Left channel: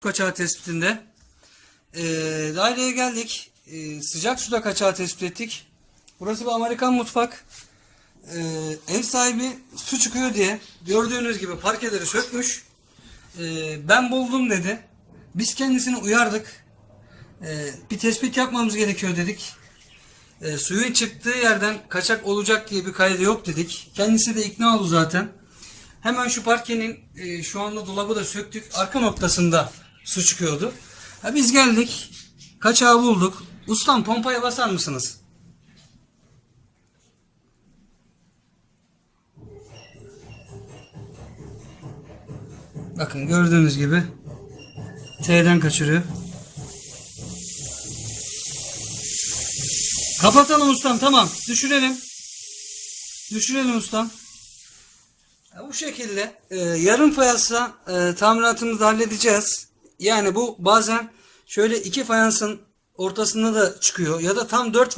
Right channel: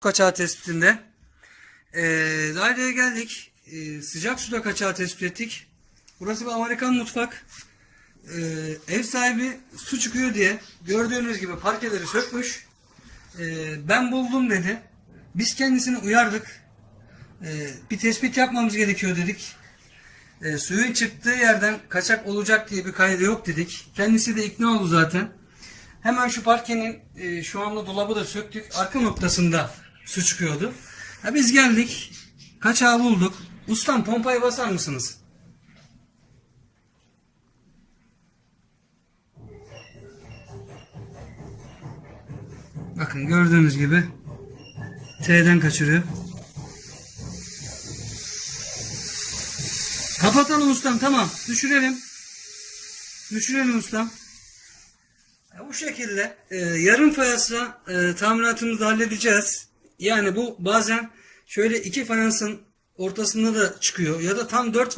kaçağı tespitinde. Ee, daireye geldik. Ee, sıcak suda kaçağı tespit ettik. Burası bir Amerikan mutfak. Ee, ev sahibi su çıkıyor diye gördüğünüz gibi parkeleri sökmüş. Ee, ben buldum dedi. Biz kendisini uyardık. Ee, bir tespit yapmamız gerekiyor dedik. Ee, suyun çıktığı yerden kaçak olacak diye bir kaydı yok dedik. Kendisi de ikna oldu zaten. Hemen şu parkenin e, şu anda dolabı da söktük. Arka noktasında su çıkıyordu. Ha, biz geldik. Kaçağı bulduk. Ustam pompaya basar mısınız? Bakın gördüğünüz gibi T'den kaçırıyor. Kapatalım ustam tamam. Düşürelim. Düşürelim ustam. Ya bu şekilde e, yarım fayansla e, tamiratımızı halledeceğiz. Yani bu bazen şöyle iki fayansın ortasında da çıkıyor ya da tam dört